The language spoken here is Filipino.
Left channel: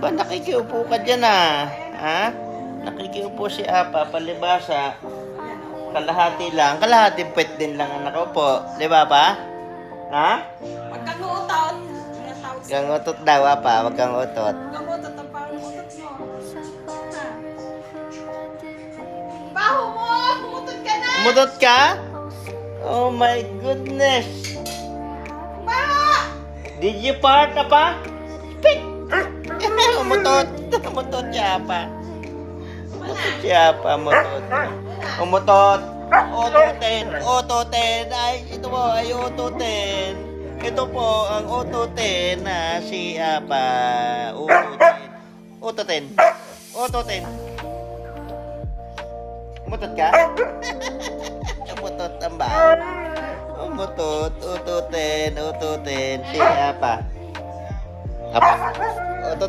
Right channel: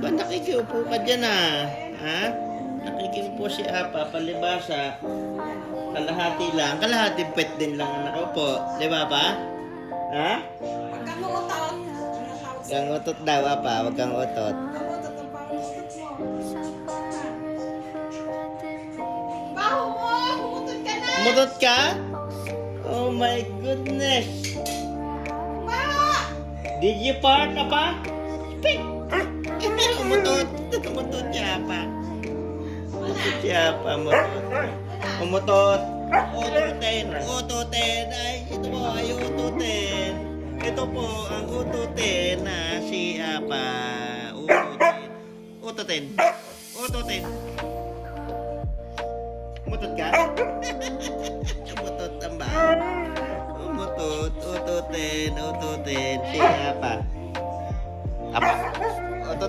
Ba, nakikiupo ka dyan ha? Nakikiupo si Apa, palibasa. Kalahati lang. Kalahati pwet din lang ang nakaupo. Di ba pa? Ha? Huwag kang uutot. Huwag kang utot daw, Apa. Huwag kang utot. Huwag kang uutot ang parang utot mo. Baho mo! Umutot ka na! Umutot ka? Oh my goodness. Pa! Did you fart, Apa? Pik! Umutot. Umutot siya, Apa. Umutot siya, Apa. Umutot. Ototen. Ototen. Ay, ito po ay ototen. Ito po ang ototen na si Apa. Ototen. Ototen. Umutot ka? Umutot ang ba? Umutot. Ototen. Ototen. Si Apa. Apa.